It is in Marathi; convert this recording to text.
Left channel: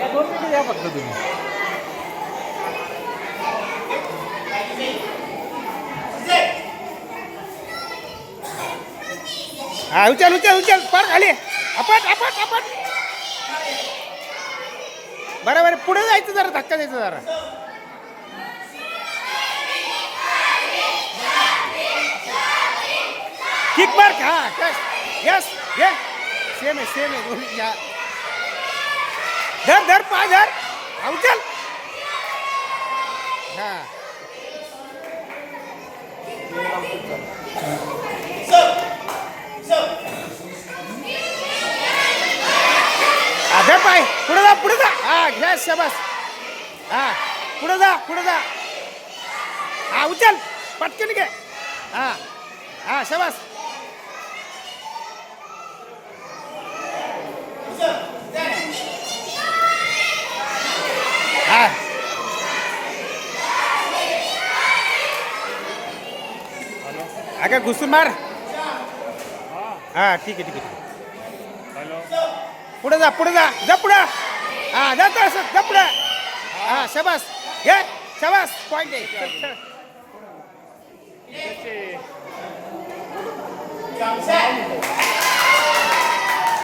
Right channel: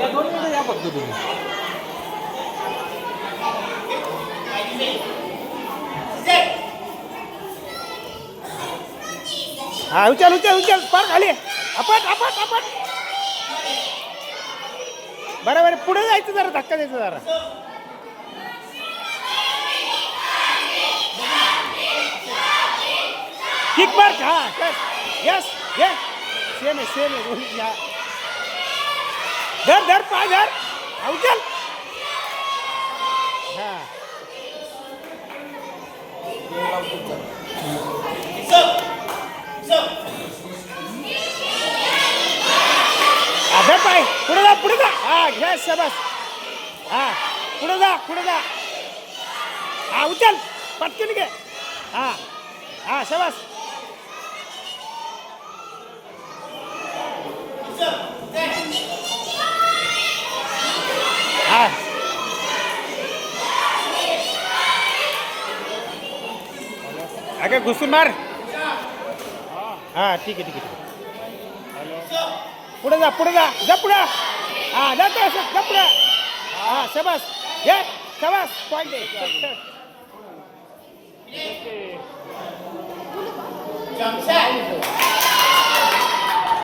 या 2 मिनिटं या फक्त तुम्ही. हा उचल उचल उचल पार खाली आपट आपट आपट. बरोबर पुढे जायचं जरा धक्का द्यायचा जरा. किक मार हा यस यस ये सेम आहे दोन्ही या. धर धर पाय धर उचल हा. धर पाय पुढे जा हा घ्या शाबास. हा पुढे जा हा उचल पटकन घे हा हा शाबास. हा अगं घुसून मार. हा ठीक आहे पुढे जा पुढे हा जातो असं जा पुढे हा शाबास घे शाबास पॉईंट आहे.